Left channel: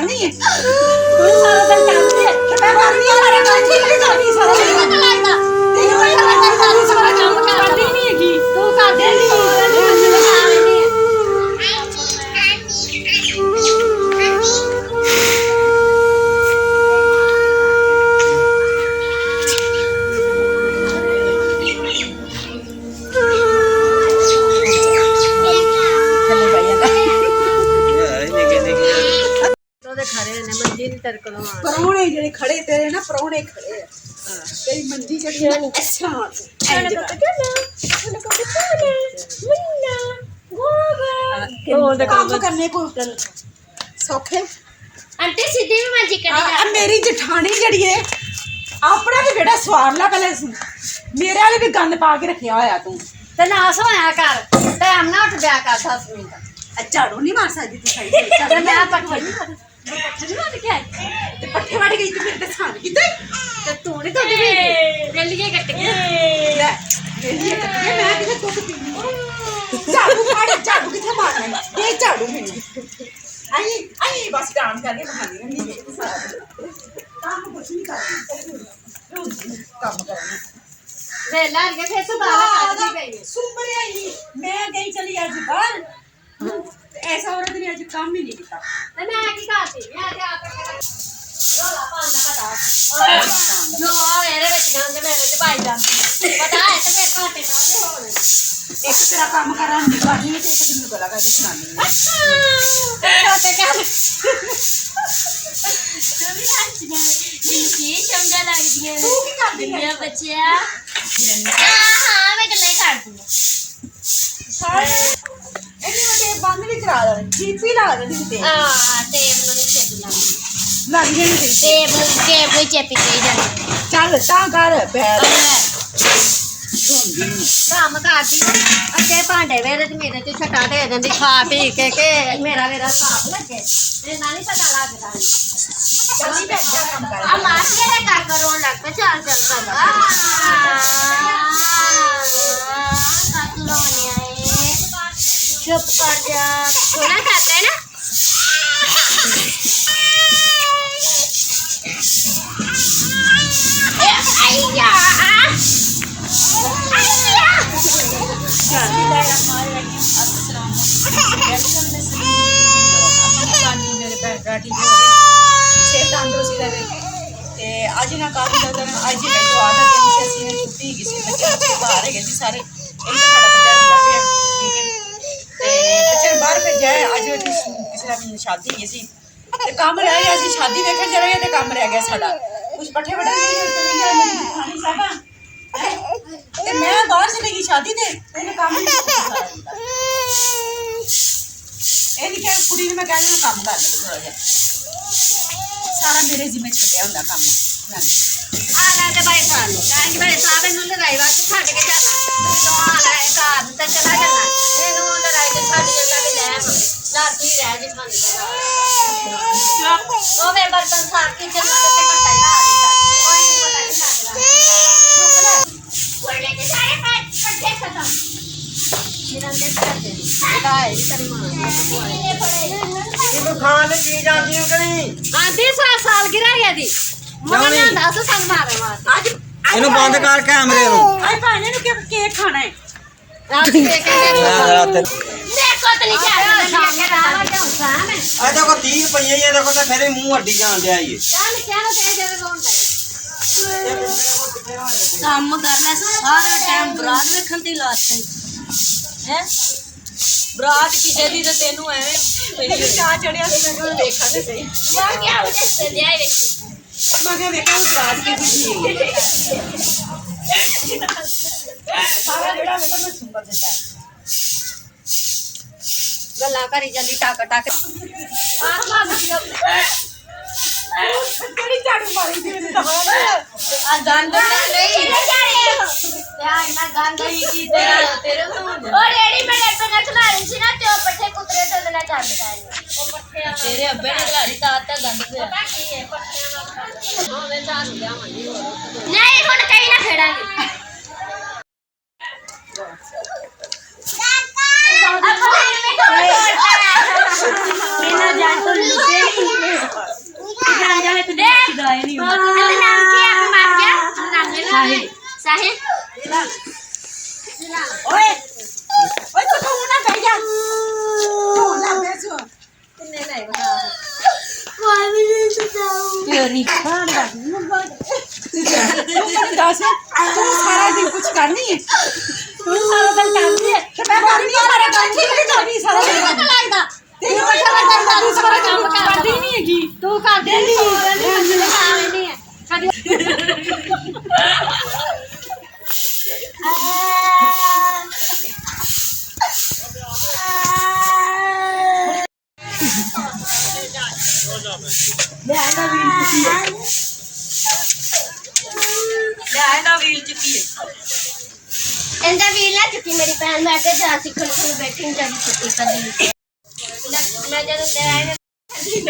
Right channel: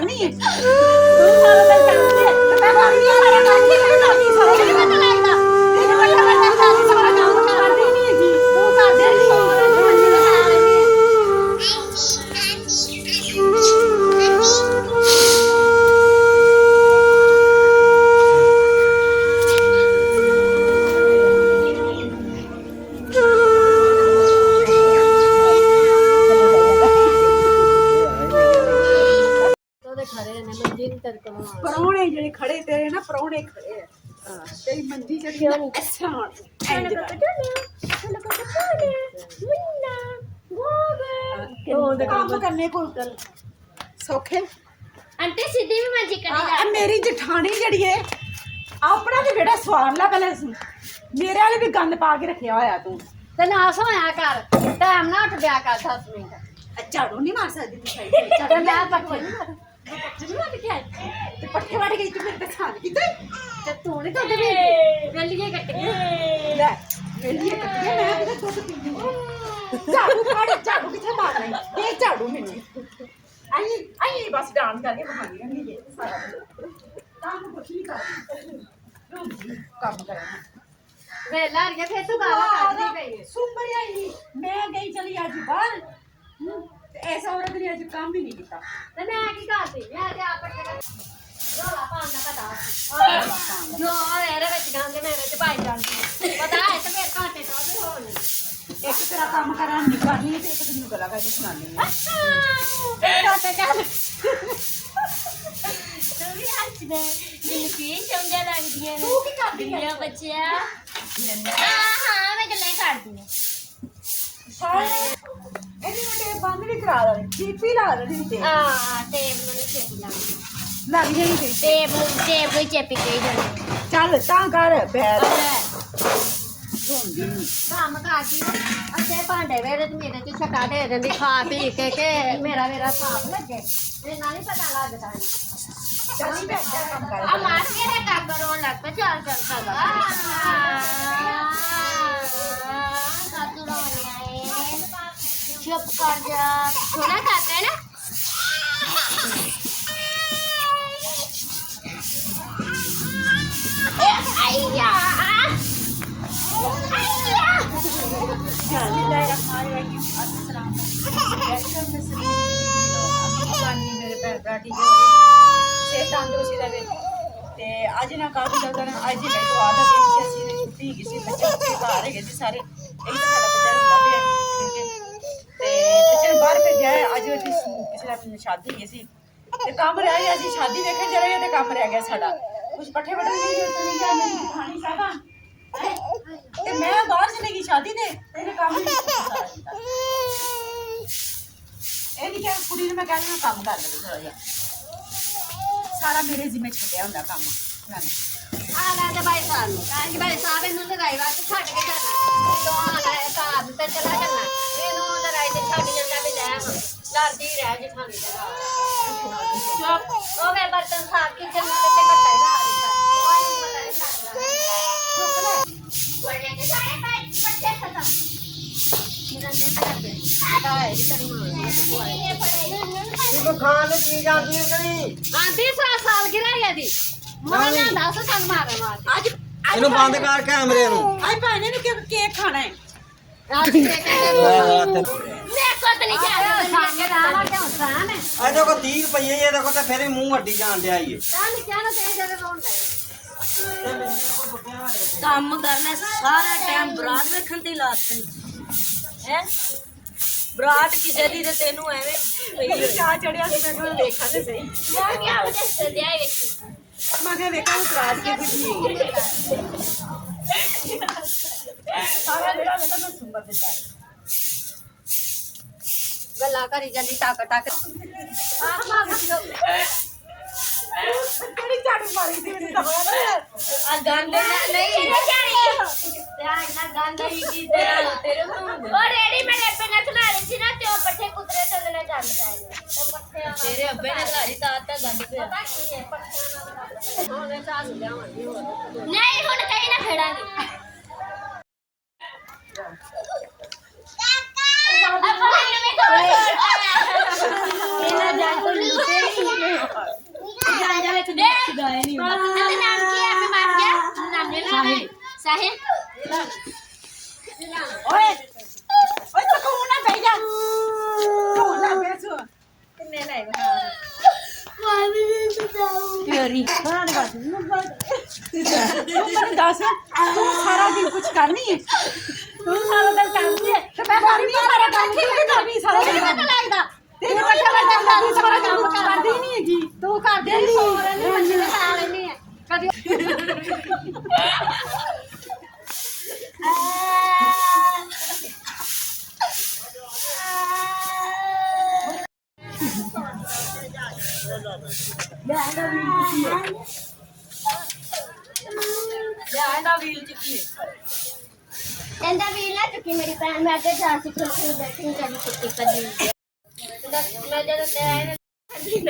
करनी है तू सारा दिन करती है मैं करनी है मेरे करती है करती सारा दिन सारा काम करती नहीं है तू कर दे परौने जेडे खड़े तेरे ना परौने खड़े तेरी मंजी जड़ी अच्छा काम करने को सौखे आंटी सीधी में मंजी कड़ी मेरी जठानी जड़ी है अपना तो बेटा स्वाद ला पहले मेरे वाले भी गंद पा के रखिया होया तू ते ना सोया कर टाइम ना उठ जा कर 10 मिनट झाड़ू नहीं मार सकती तू सही ते मैं पट्टे पट्ठे वाड़ गई तू मेरे साथ किते ते तू नहीं तो वेलिए कट गया ले वेलिए कट के मैं किथे तो झाड़ू किथे मारना है ये झाड़ू मेनू आई बस काम करके खानी रहनी है काम कुछ नहीं करनी काम करनी वेला के फिर से दाल खाती गई सुंबर आई मैं गई चली आज बाहर ऐसा औरत ने आज काम ही नहीं किया ते मैं की करती मैं ते आप रोला पाना का दाल जो मेरे ਵਿੱਚ ਜਾਂਦੇ ਮੇਰੇ ਤੇ ਭਾਈ ਜਾਂਦੇ ਪਤਾ ਹੈ ਤੇ ਮੈਂ ਘਾਟੇ ਨਾ ਤੇ ਹੋਣ एक तेरा काम करा नहीं करनी तो एक दिन गला करके सुनानी तो क्या तभी हंसने जिनकी समझा लगती है तू की कर दी है बच्चिया हां मैं नहीं करती हूं सारे एनी मते बंद भी करा दे जीपी ला दे ते हां ते मन से लग गई टेब चेपी के चल ता कर बैठ काम करदी अच्छे भांडे वेरे ते मेरे ते छटा दे दिंदी खा पी के मेरा साफ लगे ते नानी पता लगदा जल्दी बैठ जा काम कर अब आके रे कर करो लग पे चल कर कातलो नहीं आए चुप कर जा थोड़ा खाते हैं ना आइया आज ना काफी ज्यादा आज ही बैठो आधा दिन से सीने छुट्टी किसी बच्चे बाहर है गए सारे एक सारा बच्चा हुंदा है ठीक है ते बच्चे बाहर भेजा है आज किसी दा शादी है सी ते काम रह गया सी शादी देखन जा रहे ते काम रह गया साडा कुछ पट्ठे वटन नहीं चली गया मेरी खानी साबा ते मैं बाहर चली गई शादी ते तेरे काम नहीं सारा ए लिखा कुड़ी ने मैं कहना काम कर ले थोड़ा जिहा सारा मेरे जिम्मे छड्या हुंदा काम मैंने आला दे भाई साहब नु लड़ाई बात छड़ के जाना तो आला कार ते चला जाना एनु लड़ाई के छड़ जाना भी ले डरदी रह जी खानी ओ मैं बर्तन साफ के जमा ते कटाई ना कोई पता नहीं लगदा वरने के सारे पट्टे खत्म चिरन दे करते गाय तेरी मां खान चीज आती है कि नहीं आधी साल गिरा गया दी मैं ना तो संग मारे मार आज ਇਹਨੂੰ ਬੰਦ ਕਰ ਕੈਮਰੇ ਨੂੰ आई भाने नु केक खाना है आज देख के ਰਾਤ देखो तो नहीं क्या ਆ ਦੇਖੋ 30 ਰੁਪਏ ਇਹ ਦੇਖੋ ਤਾਂ ਫਿਰ ਮੂੰਹ ਅੱਡੀ ਜਾਣ ਦਿਆ ਇਹ चल क्या ना तेरे जरे कौन है काम करना सारा टाइम बरात देखन ते लाते हैं बरात किसे दी ते तेनू एवें मेरी चाह चढ़िया सी मैं कहा देखा ते सही मां क्या हो जाए जाए मैं क्या देखा उस रात की कुछ नहीं सारा बेड़ा बेटा मैं सुंगा देता है गला करी जल्दी टाक टाक आत्मा तेरी झाड़ू मारी दे आ गंद नहीं यार ना गंदा ही की तेरे तो और रेडी मेरे पे ना चला रही थी ना तो पट्टे कुतरे तो ना जान बताएंगे वो पट्टे तेरे अब्बे ने लाड़ी ताता गंद से पता की है पट्टे हां मैं चाह दिया नहीं हुन कहीं ना खेड़ांगे ਤੇਰੀ ਖਾਣ ਦਾ ਤੂੰ ਸਾਰਾ ਦਿਨ ਕੁਝ ਕਰਨੀ ਹੈ ਤੂੰ ਸਾਰਾ ਦਿਨ ਕਰਦੀ ਹੈ ਤੇ ਮੈਂ ਕਰਨੀ ਹੈ ਸਾਰਾ ਕੰਮ ਕੀ ਕਰਨੀ ਸਾਰਾ ਦਿਨ ਲੱਗਦਾ ਤੈਨੂੰ ਪਤਾ ਲੱਗਦਾ ਤੂੰ ਸਾਰਾ ਕੰਮ ਕਰਦੀ ਨਹੀਂ ਹੈਗੀ ਤੂੰ ਕਰਦੇ ਨਹੀਂ ਨਹੀਂ ਹੈ ਕਦੀ ਇਹਦਾ ਵੀਲ ਚੁੱਕੀ ਹੈ ਇਹਦਾ ਵੀਲ ਨਾ ਚੁੱਕੀ ਮੇਰੀ ਭੈਣ ਮੈਂ ਤੇ ਜਾ ਸਿੱਖਣ ਨੂੰ ਬੈਠੀ ਨਹੀਂ ਜਾਂਦੀ ਛੁੱਟੀ ਕਰਦੀ ਮੈਂ ਜਦੋਂ ਤੇ ਆਏ ਵੀਲ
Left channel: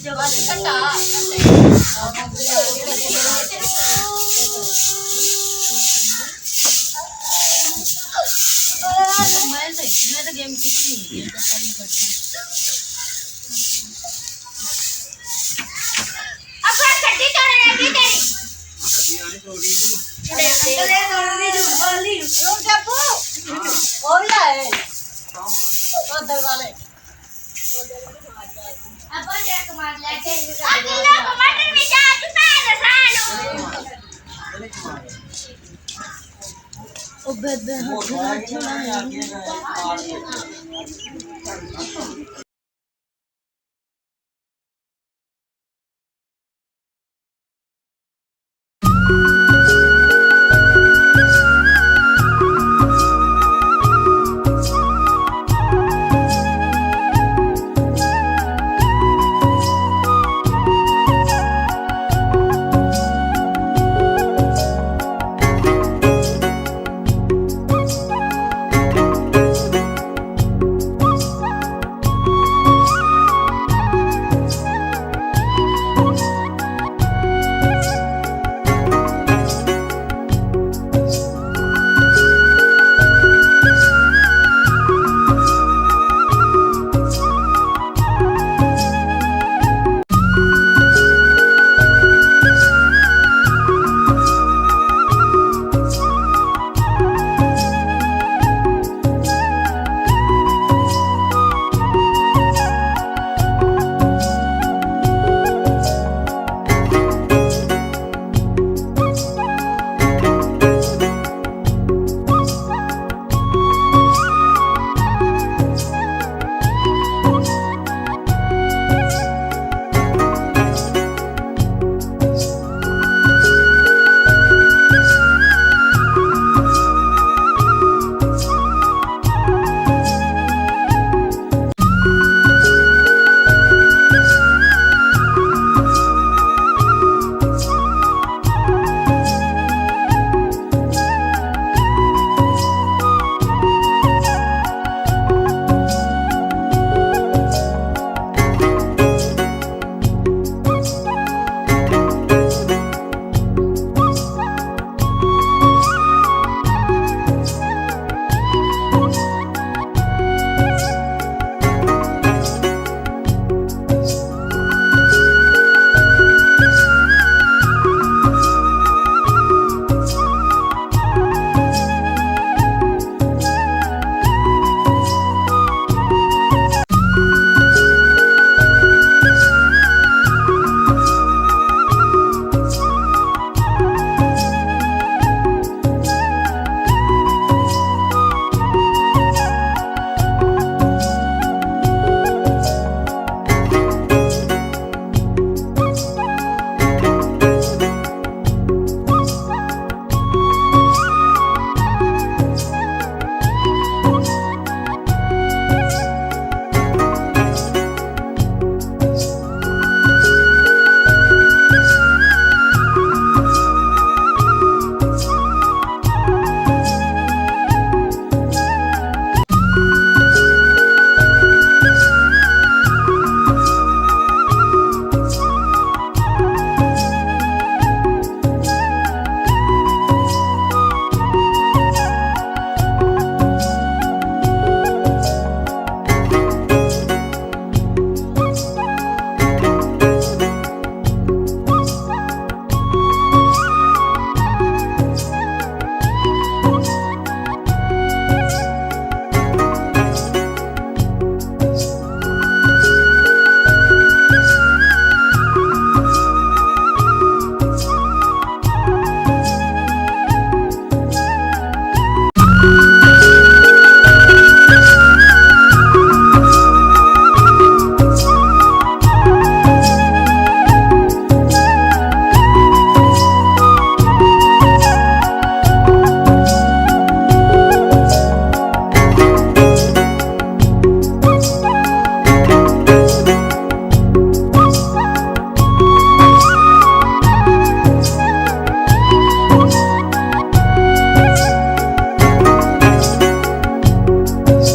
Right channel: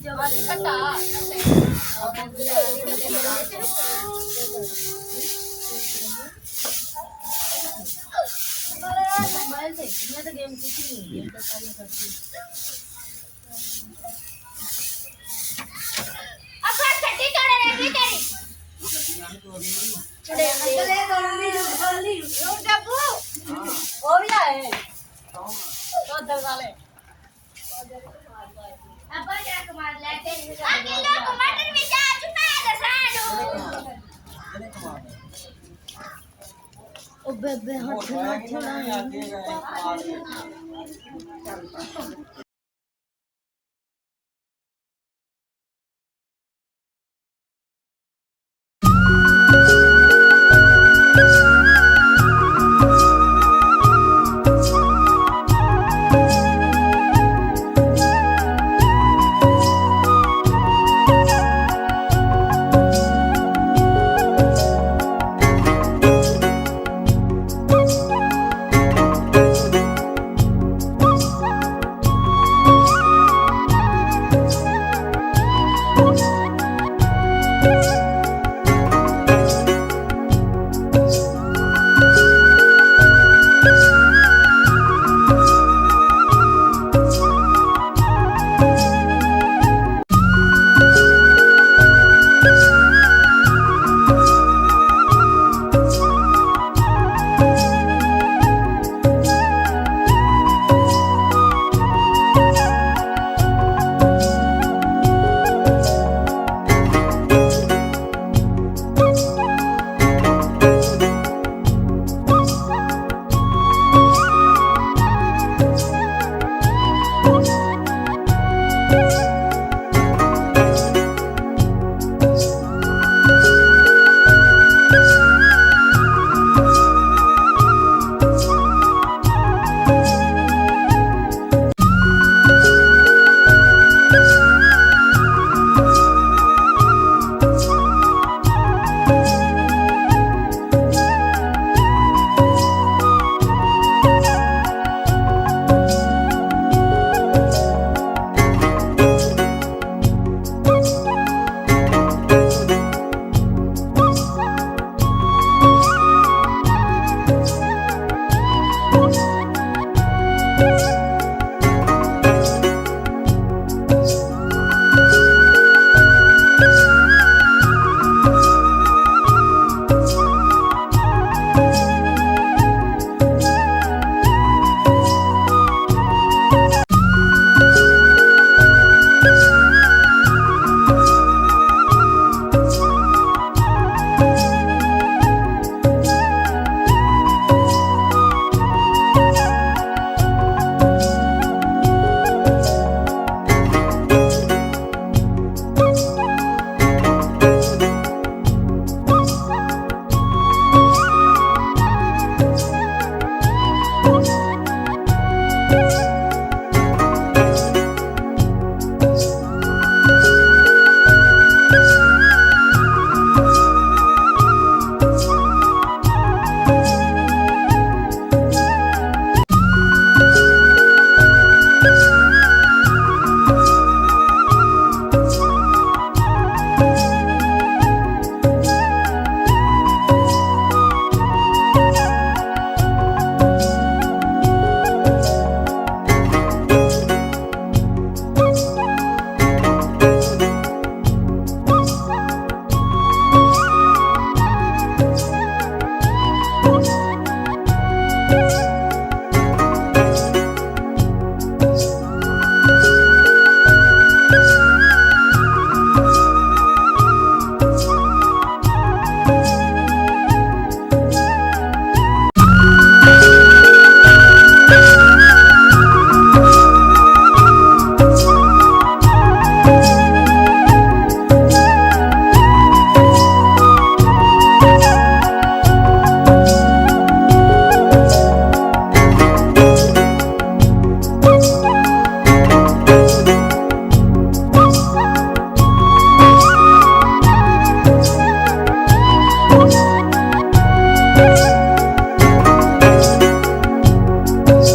ਜੋ ਬਸ ਘਟਾ मोबाइल से मैं तो गेम किसी नहीं है तो सारी करती अब चड्डी तोड़ रहेगी तेरी चले तोड़नी बोली रुक जा पो ओ भी है तो दल वाले अब क्या कमाल लेके अगला टमाटर में जा चुका है ओ बेबे ਉਹ ਆ ਕੇ ਨਾ ਅੱਗੇ ਗਏ ਆ